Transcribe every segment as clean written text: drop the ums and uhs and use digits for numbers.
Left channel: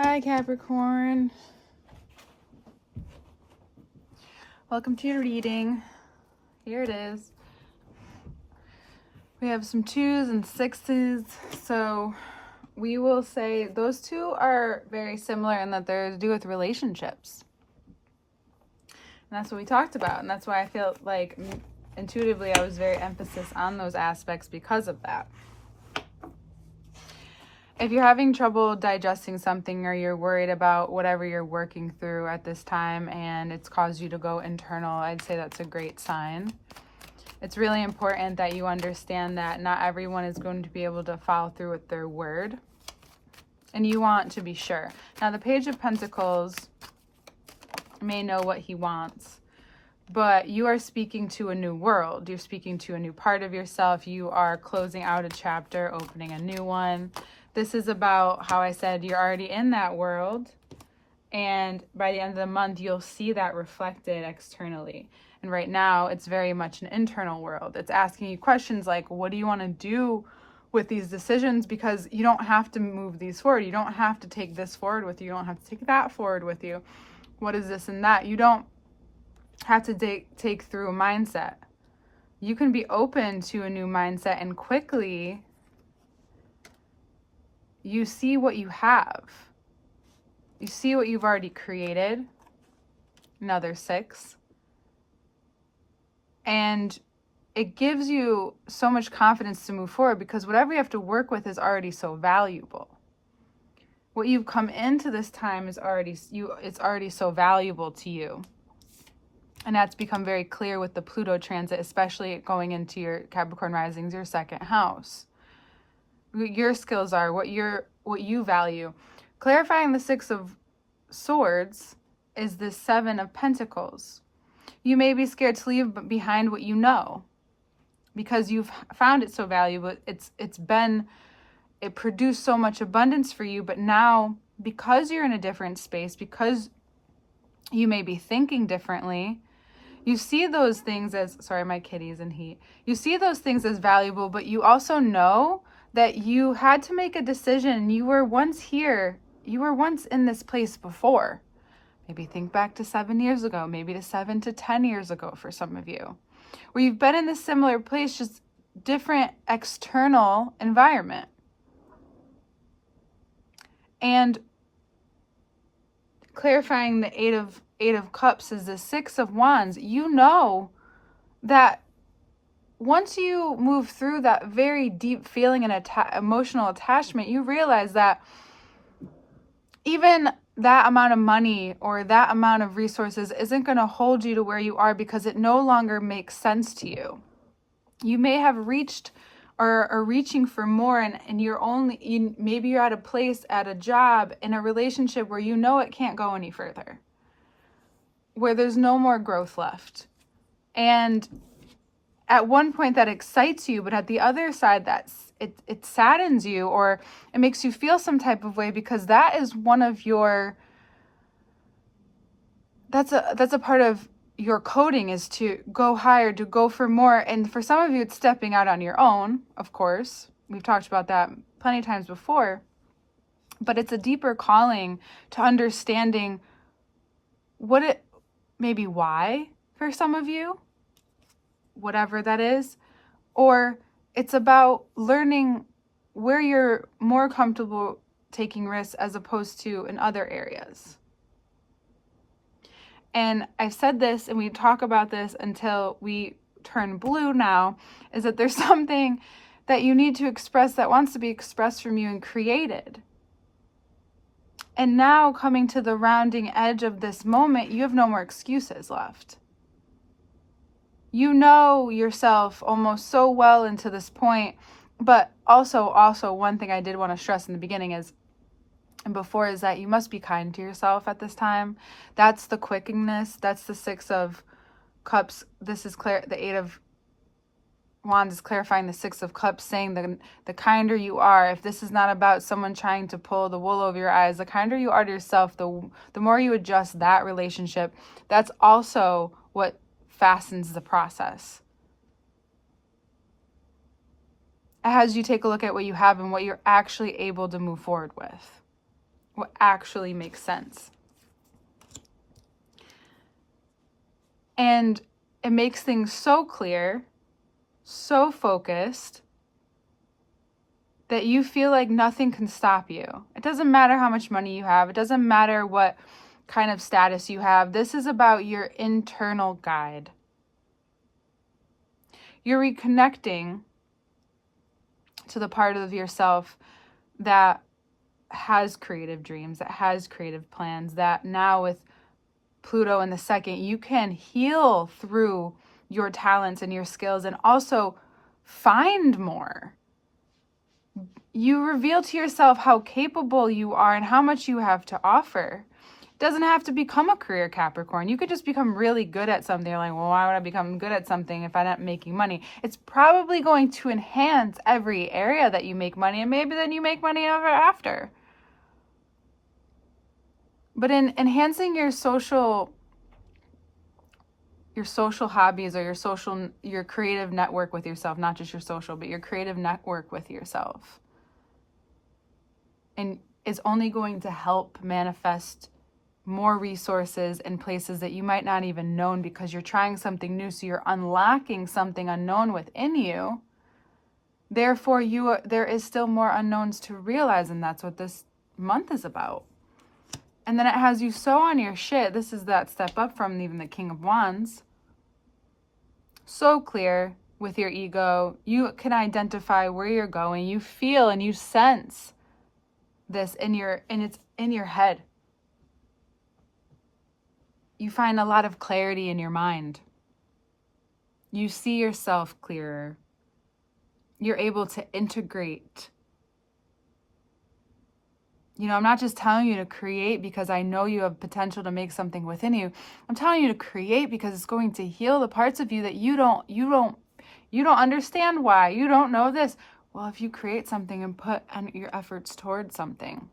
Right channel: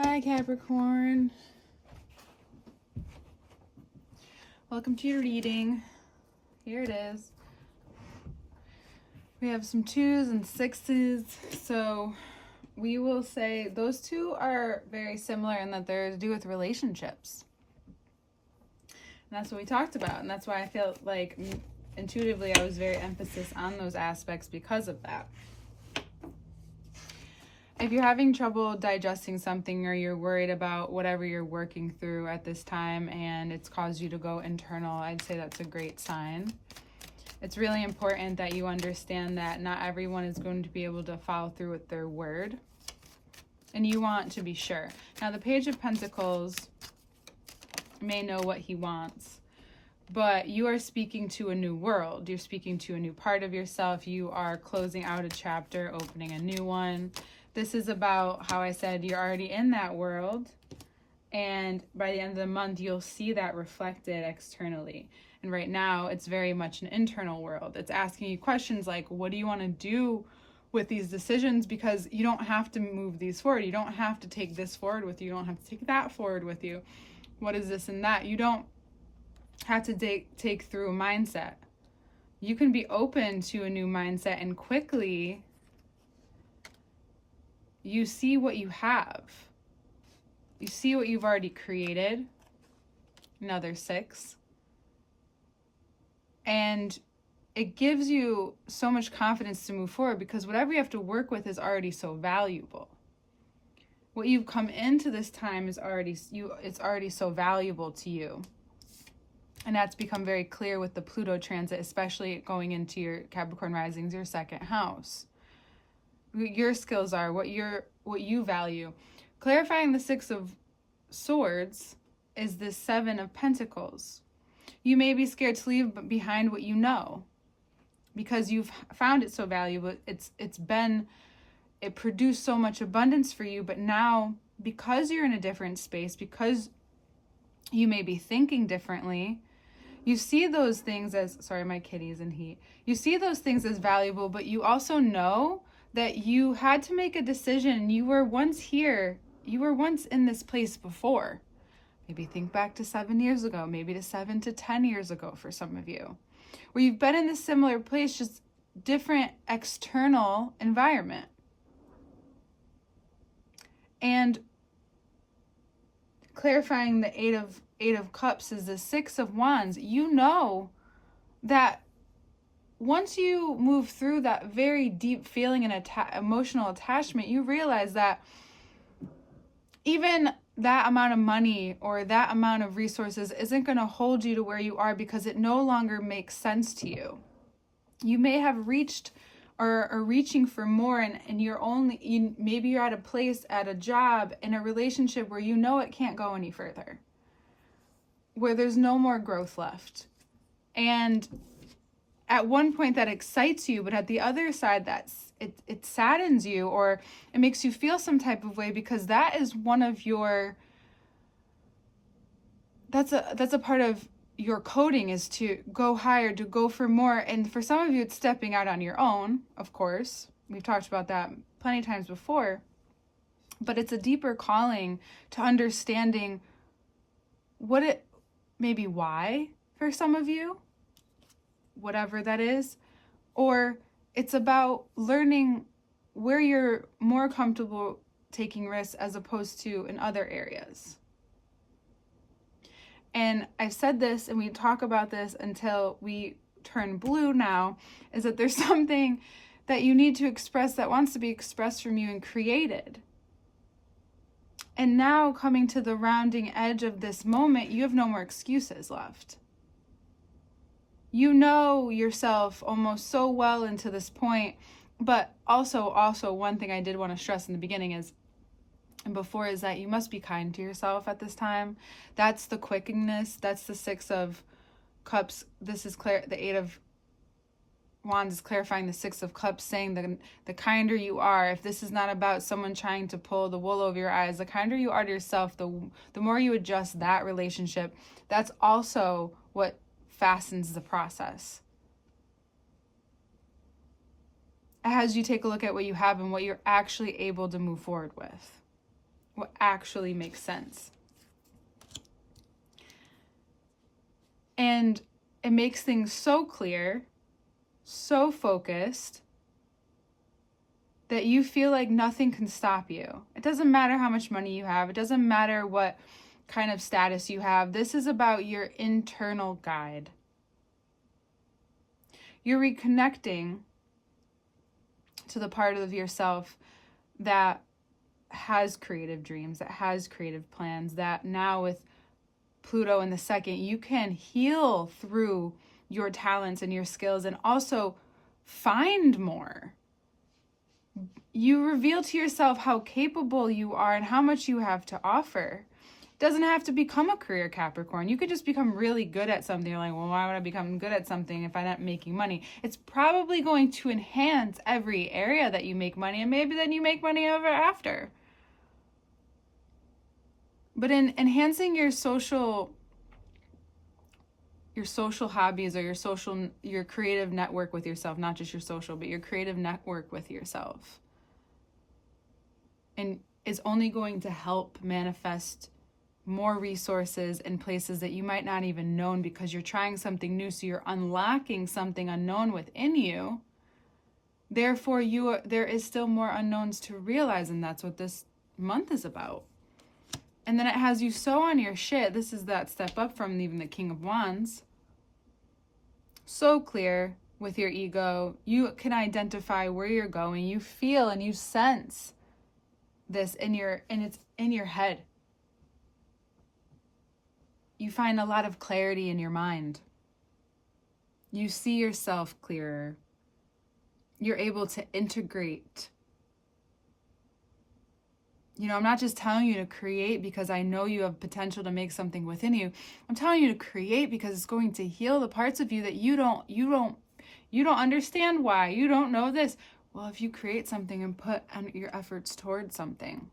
Hi, Capricorn. Welcome to your reading. Here it is. We have some 2s and 6s. So we will say those two are very similar in that they're to do with relationships. And that's what we talked about. And that's why I feel like intuitively I was very emphasis on those aspects because of that. If you're having trouble digesting something or you're worried about whatever you're working through at this time and it's caused you to go internal, I'd say that's a great sign. It's really important that you understand that not everyone is going to be able to follow through with their word. And you want to be sure. Now, the Page of Pentacles may know what he wants, but you are speaking to a new world. You're speaking to a new part of yourself. You are closing out a chapter, opening a new one. This is about how I said you're already in that world, and by the end of the month, you'll see that reflected externally. And right now, it's very much an internal world. It's asking you questions like, what do you want to do with these decisions? Because you don't have to move these forward. You don't have to take this forward with you. You don't have to take that forward with you. What is this and that? You don't have to take through a mindset. You can be open to a new mindset, and quickly you see what you have. You see what you've already created. Another 6. And it gives you so much confidence to move forward because whatever you have to work with is already so valuable. What you've come into this time is it's already so valuable to you. And that's become very clear with the Pluto transit, especially going into your Capricorn risings, your second house. What your skills are, what you value. Clarifying the 6 of Swords is the 7 of Pentacles. You may be scared to leave behind what you know because you've found it so valuable. It produced so much abundance for you, but now because you're in a different space, because you may be thinking differently, you see those things as, sorry, my kitty's in heat. You see those things as valuable, but you also know that you had to make a decision. You were once here. You were once in this place before. Maybe think back to 7 years ago, maybe to 7 to 10 years ago for some of you, where you've been in this similar place, just different external environment. And clarifying the 8 of Cups is the 6 of Wands. You know that once you move through that very deep feeling and emotional attachment, you realize that even that amount of money or that amount of resources isn't going to hold you to where you are because it no longer makes sense to you. You may have reached or are reaching for more, and maybe you're at a place, at a job, in a relationship where you know it can't go any further, where there's no more growth left. And at one point that excites you, but at the other side it saddens you, or it makes you feel some type of way, because that is one of your, that's a part of your coding, is to go higher, to go for more. And for some of you, it's stepping out on your own, of course. We've talked about that plenty of times before. But it's a deeper calling to understanding maybe why for some of you, whatever that is. Or it's about learning where you're more comfortable taking risks as opposed to in other areas. And I've said this, and we talk about this until we turn blue now, is that there's something that you need to express that wants to be expressed from you and created. And now, coming to the rounding edge of this moment, you have no more excuses left. You know yourself almost so well into this point. But also one thing I did want to stress in the beginning is that you must be kind to yourself at this time. That's the quickingness. That's the 6 of Cups. This is the 8 of Wands is clarifying the 6 of Cups, saying the kinder you are, if this is not about someone trying to pull the wool over your eyes, the kinder you are to yourself, the more you adjust that relationship, that's also what fastens the process. As you take a look at what you have and what you're actually able to move forward with. What actually makes sense. And it makes things so clear, so focused, that you feel like nothing can stop you. It doesn't matter how much money you have. It doesn't matter what kind of status you have. This is about your internal guide. You're reconnecting to the part of yourself that has creative dreams, that has creative plans, that now with Pluto in the second, you can heal through your talents and your skills and also find more. You reveal to yourself how capable you are and how much you have to offer. It doesn't have to become a career, Capricorn. You could just become really good at something. You're like, well, why would I become good at something if I'm not making money? It's probably going to enhance every area that you make money, and maybe then you make money ever after. But in enhancing your social hobbies or your creative network with yourself, not just your social, but your creative network with yourself, and is only going to help manifest more resources in places that you might not even known, because you're trying something new, so you're unlocking something unknown within you. Therefore, there is still more unknowns to realize, and that's what this month is about. And then it has you so on your shit. This is that step up from even the King of Wands. So clear with your ego. You can identify where you're going. You feel and you sense this and it's in your head. You find a lot of clarity in your mind. You see yourself clearer. You're able to integrate. I'm not just telling you to create because I know you have potential to make something within you. I'm telling you to create because it's going to heal the parts of you that you don't understand why. You don't know this. Well, if you create something and put your efforts towards something,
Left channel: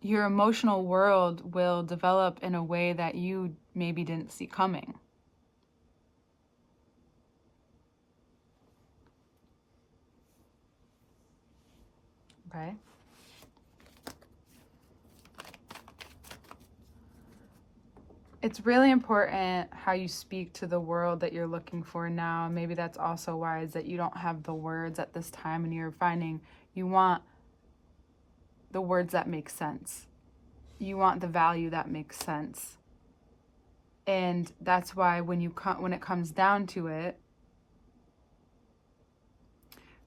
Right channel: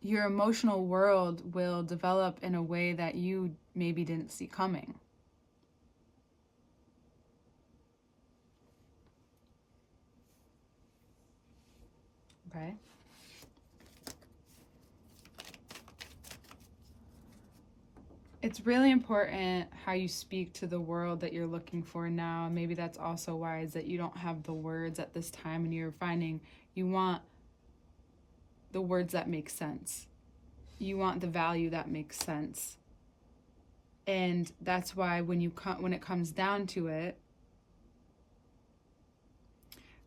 your emotional world will develop in a way that you maybe didn't see coming. Okay. It's really important how you speak to the world that you're looking for now. Maybe that's also why is that you don't have the words at this time, and you're finding you want the words that make sense. You want the value that makes sense. And that's why when it comes down to it,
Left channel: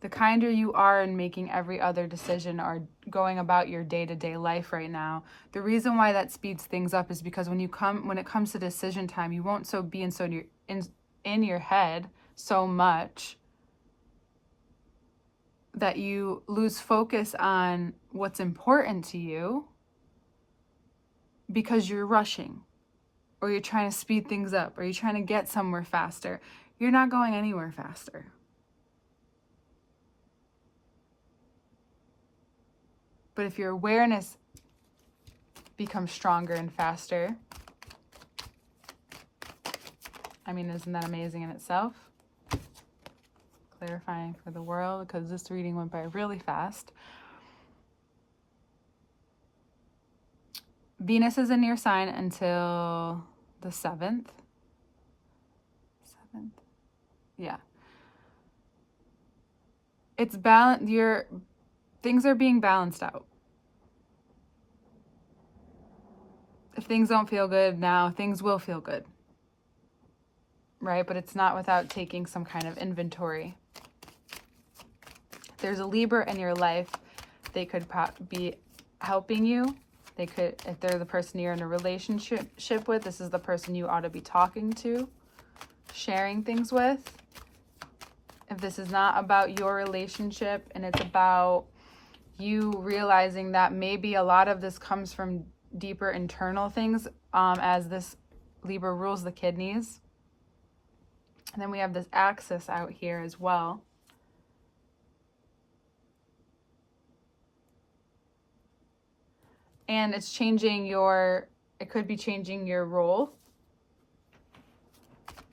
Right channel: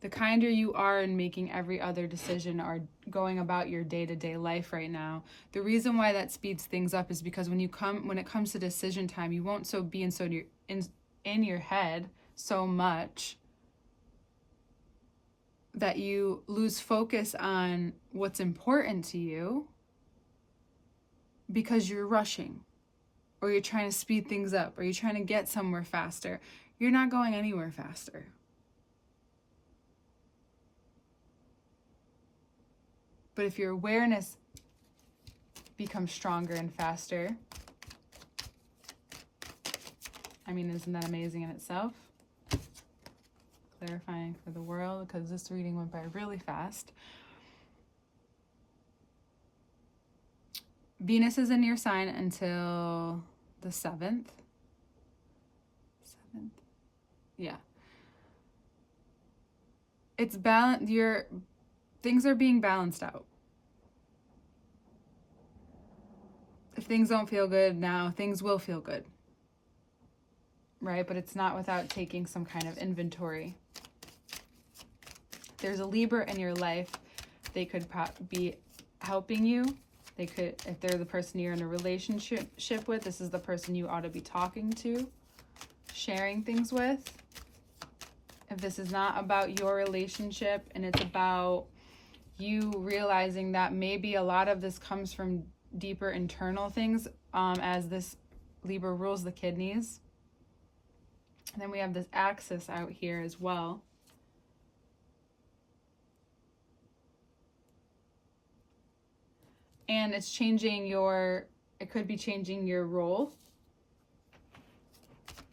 the kinder you are in making every other decision or going about your day-to-day life right now, the reason why that speeds things up is because when it comes to decision time, you won't be in your head so much that you lose focus on what's important to you because you're rushing, or you're trying to speed things up, or you're trying to get somewhere faster. You're not going anywhere faster. But if your awareness becomes stronger and faster, isn't that amazing in itself? Clarifying for the world, because this reading went by really fast. Venus is in your sign until the 7th. Yeah. It's things are being balanced out. If things don't feel good now, things will feel good. Right? But it's not without taking some kind of inventory. If there's a Libra in your life, they could be helping you. If they're the person you're in a relationship with, this is the person you ought to be talking to, sharing things with. If this is not about your relationship and it's about you realizing that maybe a lot of this comes from deeper internal things, as this Libra rules the kidneys. And then we have this axis out here as well. And it's it could be changing your role.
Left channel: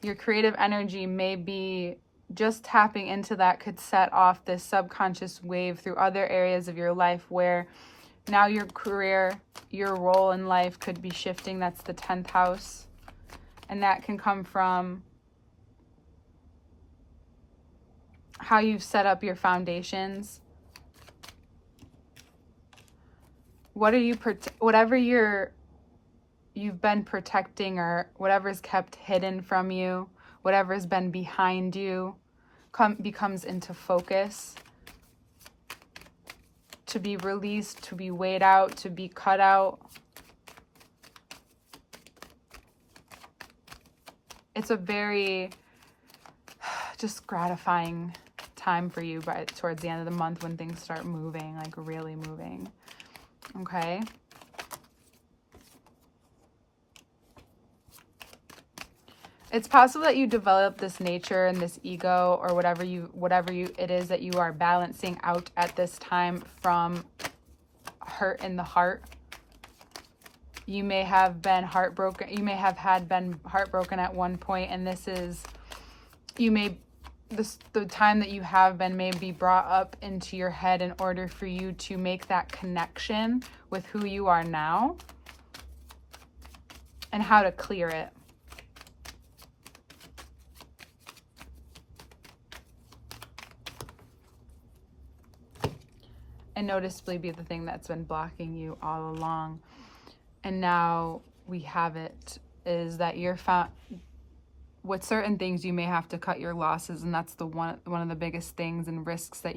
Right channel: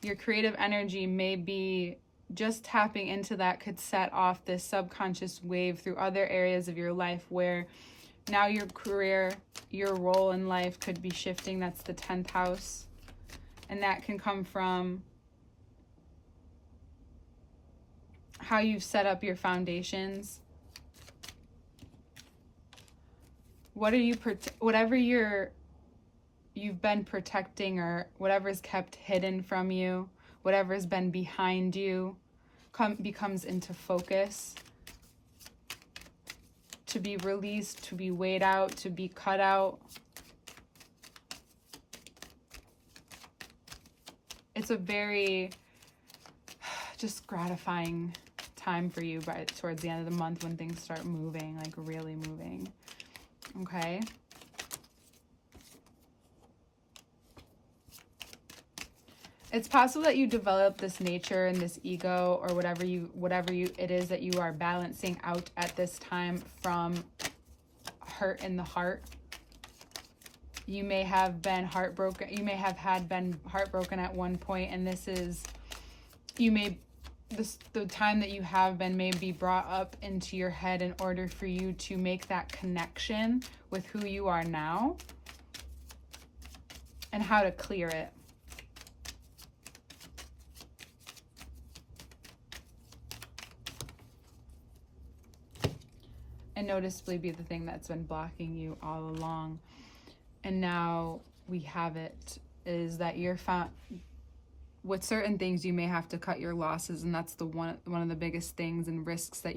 Your creative energy may be just tapping into that could set off this subconscious wave through other areas of your life where now your career, your role in life could be shifting. That's the 10th house. And that can come from how you've set up your foundations. What are you, whatever you've been protecting, or whatever's kept hidden from you, whatever's been behind you, becomes into focus, to be released, to be weighed out, to be cut out. It's a very just gratifying time for you towards the end of the month when things start moving, like really moving. Okay. It's possible that you develop this nature and this ego, or whatever it is that you are balancing out at this time, from hurt in the heart. You may have been heartbroken. You may have been heartbroken at one point, and the time that you have been may be brought up into your head in order for you to make that connection with who you are now and how to clear it. And noticeably be the thing that's been blocking you all along. And now we have it, is that you're found with certain things. You may have to cut your losses, and that's one of the biggest things and risks that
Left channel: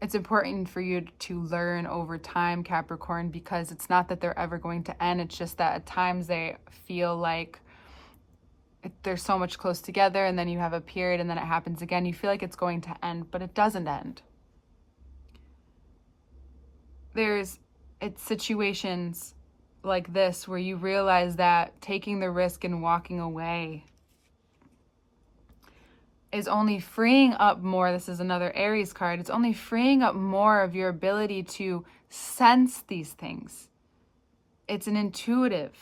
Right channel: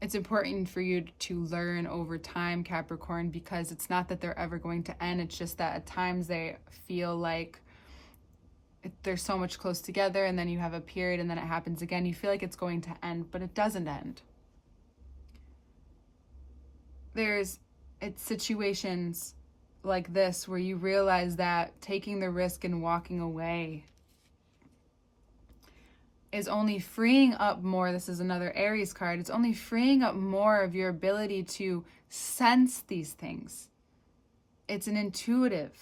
it's important for you to learn over time, Capricorn, because it's not that they're ever going to end. It's just that at times they feel like they're so much close together, and then you have a period, and then it happens again. You feel like it's going to end, but it doesn't end. It's situations like this where you realize that taking the risk and walking away is only freeing up more. This is another Aries card. It's only freeing up more of your ability to sense these things. It's an intuitive.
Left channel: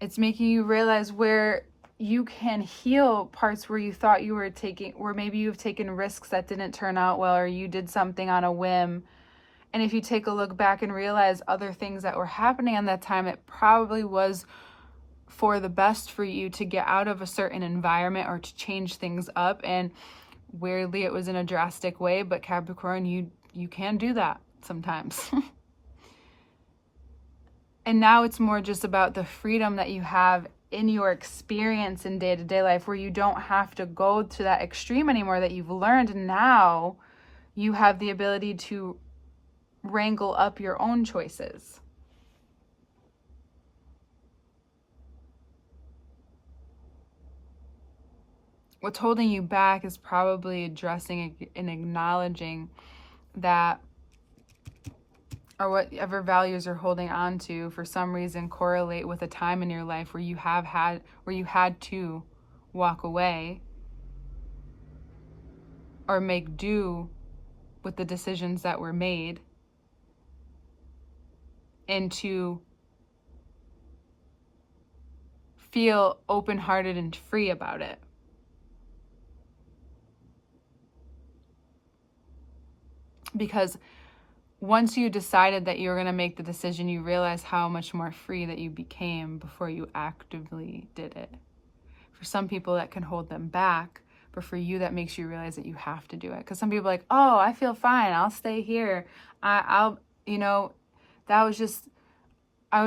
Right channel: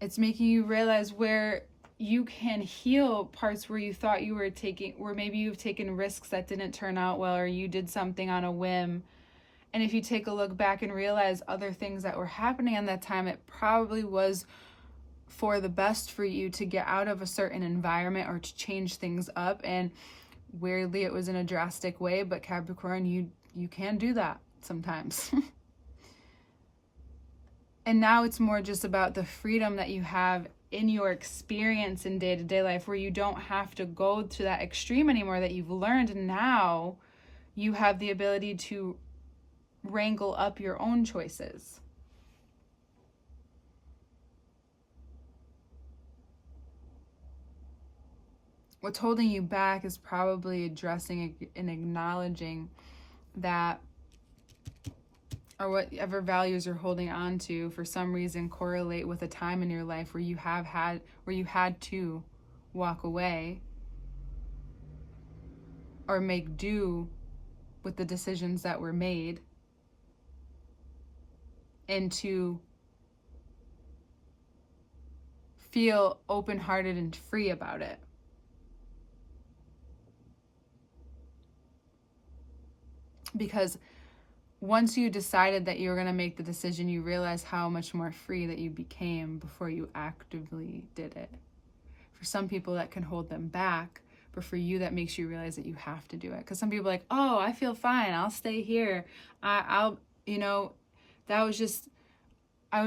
It's making you realize where you can heal parts where you thought you were where maybe you've taken risks that didn't turn out well, or you did something on a whim. And if you take a look back and realize other things that were happening in that time, it probably was for the best for you to get out of a certain environment or to change things up. And weirdly, it was in a drastic way, but Capricorn, you can do that sometimes. And now it's more just about the freedom that you have in your experience in day-to-day life, where you don't have to go to that extreme anymore, that you've learned. Now you have the ability to wrangle up your own choices. What's holding you back is probably addressing and acknowledging that, or whatever values you're holding on to for some reason correlate with a time in your life where you had to walk away or make do with the decisions that were made, and to feel open-hearted and free about it. Because once you decided that you were going to make the decision, you realize how much more free that you became before you actively did it. For some people, that can hold them back, but for you, that makes you realize that you have to do it. Because some people are like, oh, I feel fine, I'll stay here. I was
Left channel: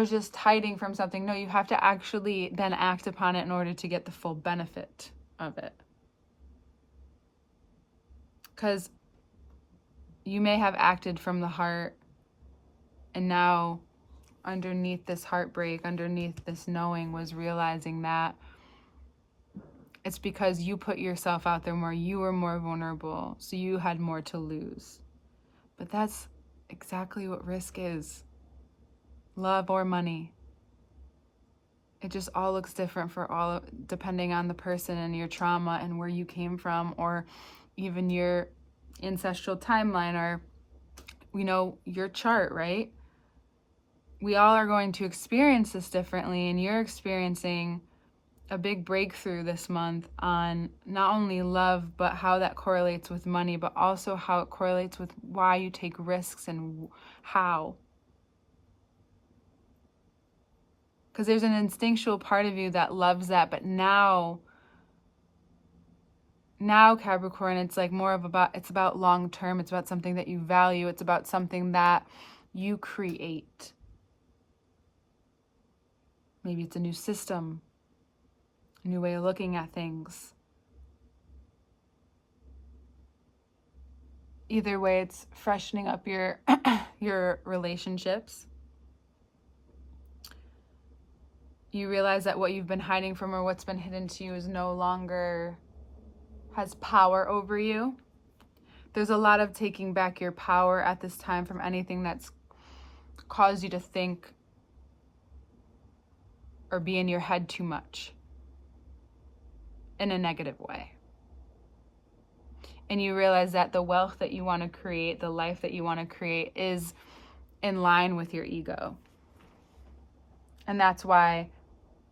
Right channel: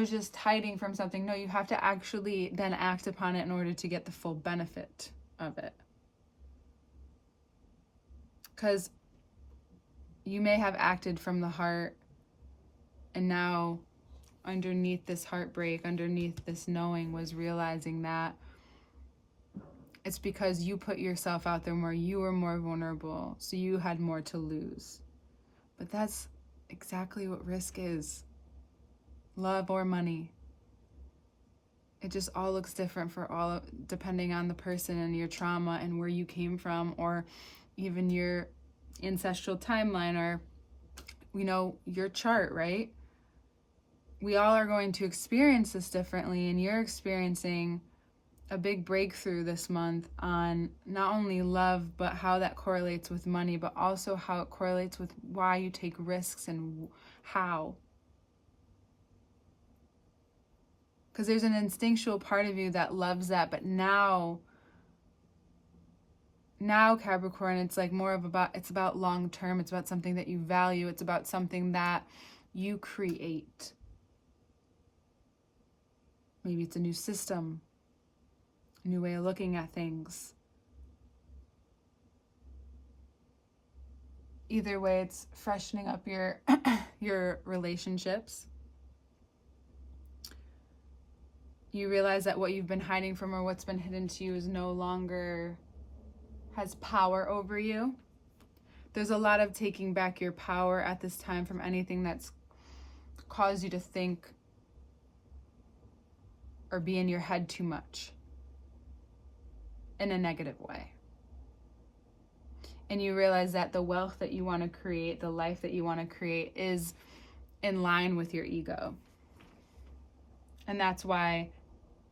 just hiding from something. No, you have to actually then act upon it in order to get the full benefit of it. Because you may have acted from the heart, and now underneath this heartbreak, underneath this knowing, was realizing that it's because you put yourself out there more, you were more vulnerable, so you had more to lose. But that's exactly what risk is. Love or money. It just all looks different for all, depending on the person and your trauma and where you came from, or even your ancestral timeline, or your chart, right? We all are going to experience this differently, and you're experiencing a big breakthrough this month on not only love, but how that correlates with money, but also how it correlates with why you take risks and how. Because there's an instinctual part of you that loves that, but now Capricorn, it's like more of it's about long term. It's about something that you value. It's about something that you create. Maybe it's a new system, a new way of looking at things. Either way, it's freshening up your your relationships. You realize that what you've been hiding from or what's been hidden to you is no longer has power over you. There's a lot of taking back your power at this time from anything that's caused you to think or be in your head too much in a negative way. And you realize that the wealth that you want to create, the life that you want to create, is in line with your ego. And that's why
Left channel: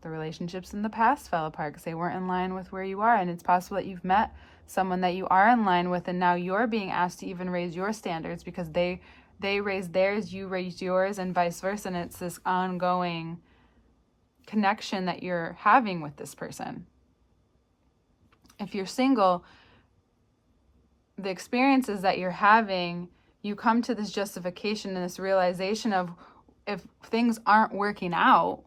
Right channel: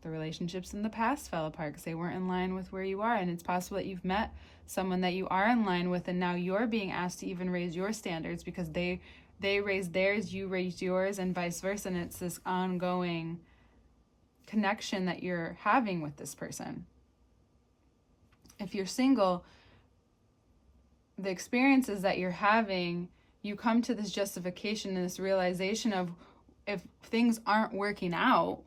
the relationships in the past fell apart, because they weren't in line with where you are. And it's possible that you've met someone that you are in line with, and now you're being asked to even raise your standards because they raised theirs, you raised yours, and vice versa. And it's this ongoing connection that you're having with this person. If you're single, the experiences that you're having, you come to this justification and this realization of, if things aren't working out,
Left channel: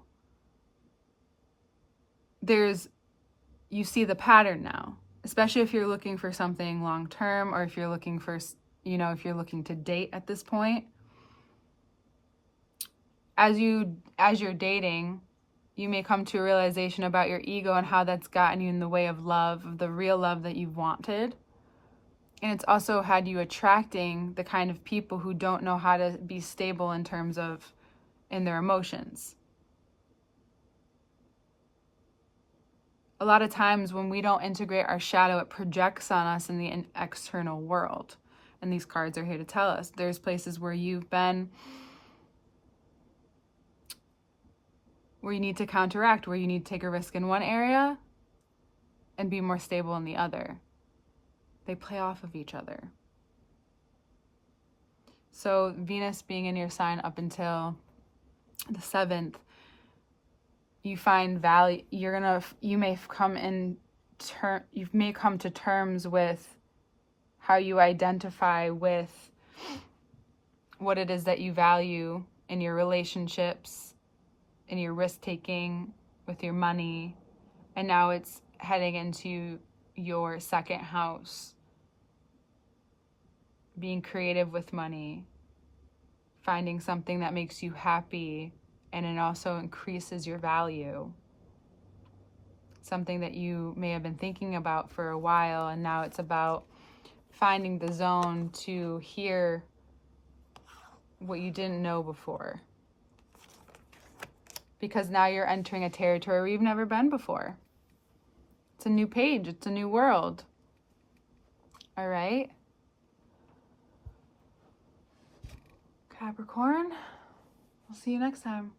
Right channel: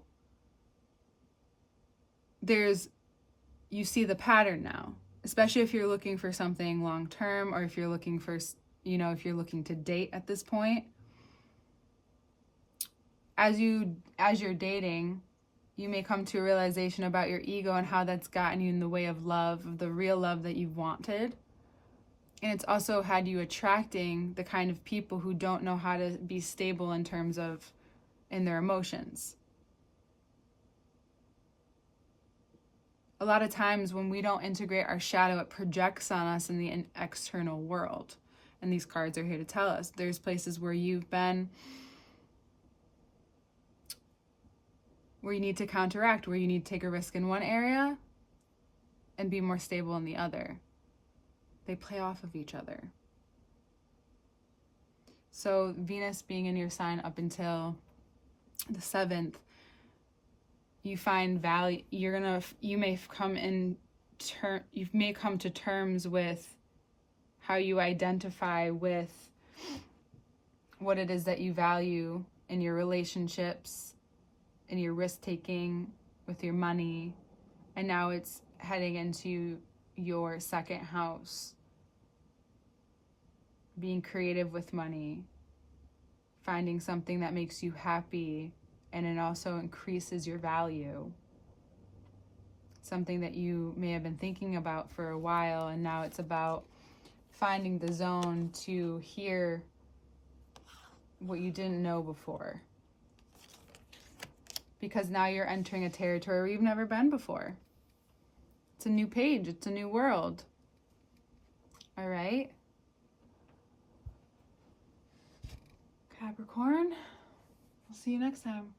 you see the pattern now, especially if you're looking for something long term, or if you're looking for, if you're looking to date at this point. As you're dating, you may come to a realization about your ego and how that's gotten you in the way of love, of the real love that you've wanted. And it's also had you attracting the kind of people who don't know how to be stable in their emotions. A lot of times when we don't integrate our shadow, it projects on us in the external world. And these cards are here to tell us there's places where you've been, where you need to counteract, where you need to take a risk in one area and be more stable in the other. They play off of each other. So Venus being in your sign up until the 7th, you find value. You may come to terms with how you identify with what it is that you value in your relationships, in your risk taking, with your money. And now it's heading into your second house, being creative with money, finding something that makes you happy, and it also increases your value. Something that you may have been thinking about for a while, and now it's about finding the zone to hear what you didn't know before. Because now you're entering a territory where you've never been before. It's a new page. It's a new world. All right? Capricorn, I'll see you next time.